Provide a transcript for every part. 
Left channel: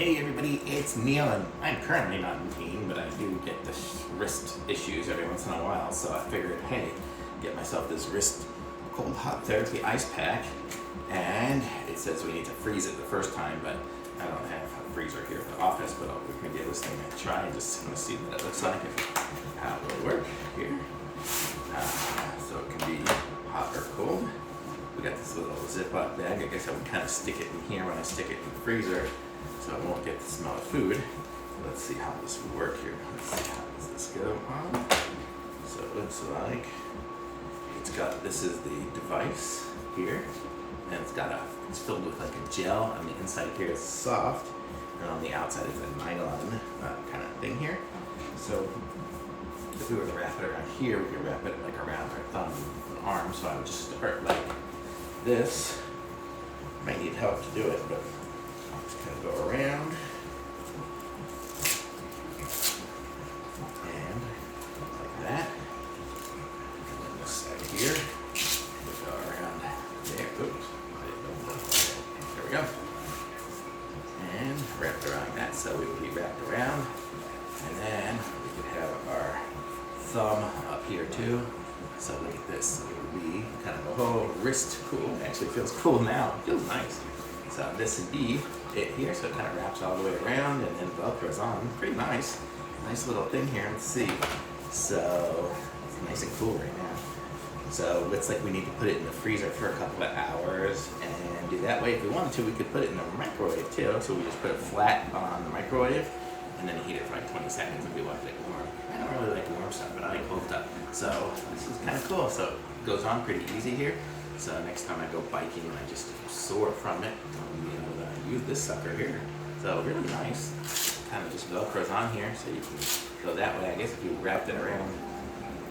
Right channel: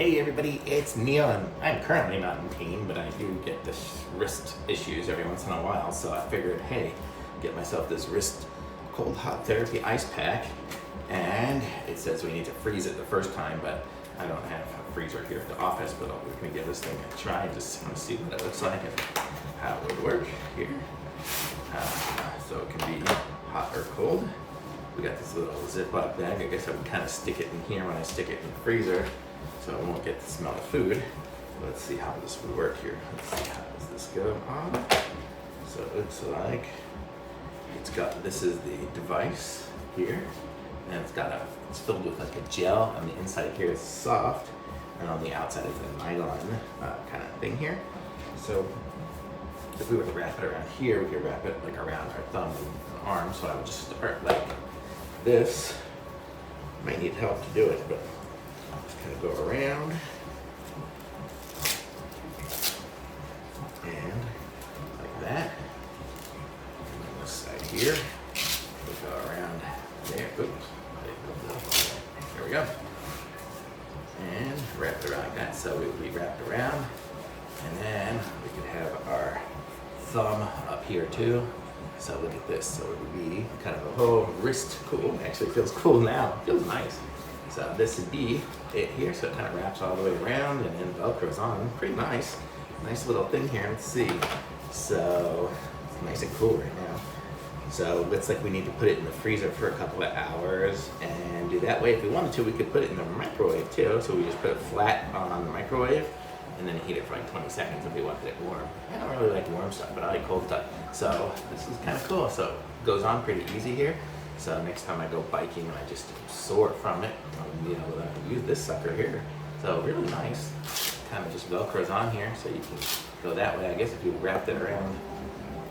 Hey everybody, it's Neil, and I'm currently not in pain, but I do get this wrist issues every once in a while, so I figured, hey, get myself this wrist cold hot therapy ice pack, and it says we need to freeze it the first time, but I don't have a freezer here at the office, but we're gonna give this thing a try and just kind of see what it looks like and how it would work here. So it can be hot or cold. We got this little Ziploc bag. I guess I would kind of stick it in here when I stick it in the freezer, so I won't get the smell of food. Let's see how this would work here. Let's see, how does this go on? So it looks like this is the device here, and it's filled with like a gel. On the inside here is soft, and on the outside is a nylon kind of thing here. So if we were to wrap it around here, we could wrap it like around our thumb and arm. So I would just start like this. Might need help to do it, but just kind of go around and like that. And then this side here, we go around there. Oops, there we go. And wrap it around like that, so it would be wrapped around. And then we could have our thumb up here too. So look at this. So it would be kind of a whole wrist cool. Actually feels cool now. It feels nice. So this would be it here. So it kind of wraps all the way around and then Velcro's on. Pretty nice. Nice little thing here. Let's see. So it's nice and cool right now. So it looks like we need to put it in the freezer for a couple of hours and do that way. If we wanted to, we could put it in the microwave too. So we just put it flat on the microwave and then heat it for like 20 seconds if we wanted it warm. I don't really like warm stuff, but I like cold stuff. So this is kind of cool. So it goes on pretty easy here. So next time I go biking and I just sore from it, I'll be able to use this sucker here. So really nice. Kind of just Velcro's on here, so you can go that way. I guess if you wrapped it around,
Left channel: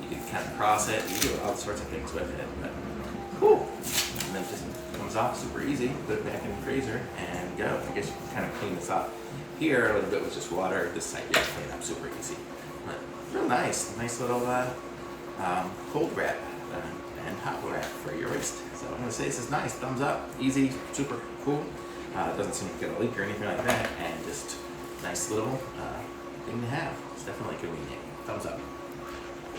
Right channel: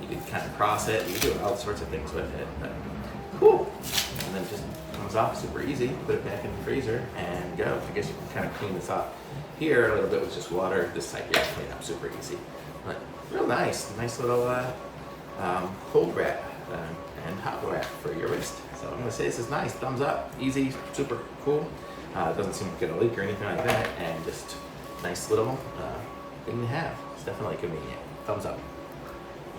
you could kind of cross it. You can do all sorts of things with it. But whew. And then it just comes off super easy. Put it back in the freezer and go. I guess you can kind of clean this off. Here, a little bit with just water. This side here, clean up super easy. But real nice. Nice little cold wrap and hot wrap for your wrist. So I'm gonna say this is nice. Thumbs up, easy, super cool. It doesn't seem to get a leak or anything like that, and just nice little thing to have. It's definitely convenient. Thumbs up.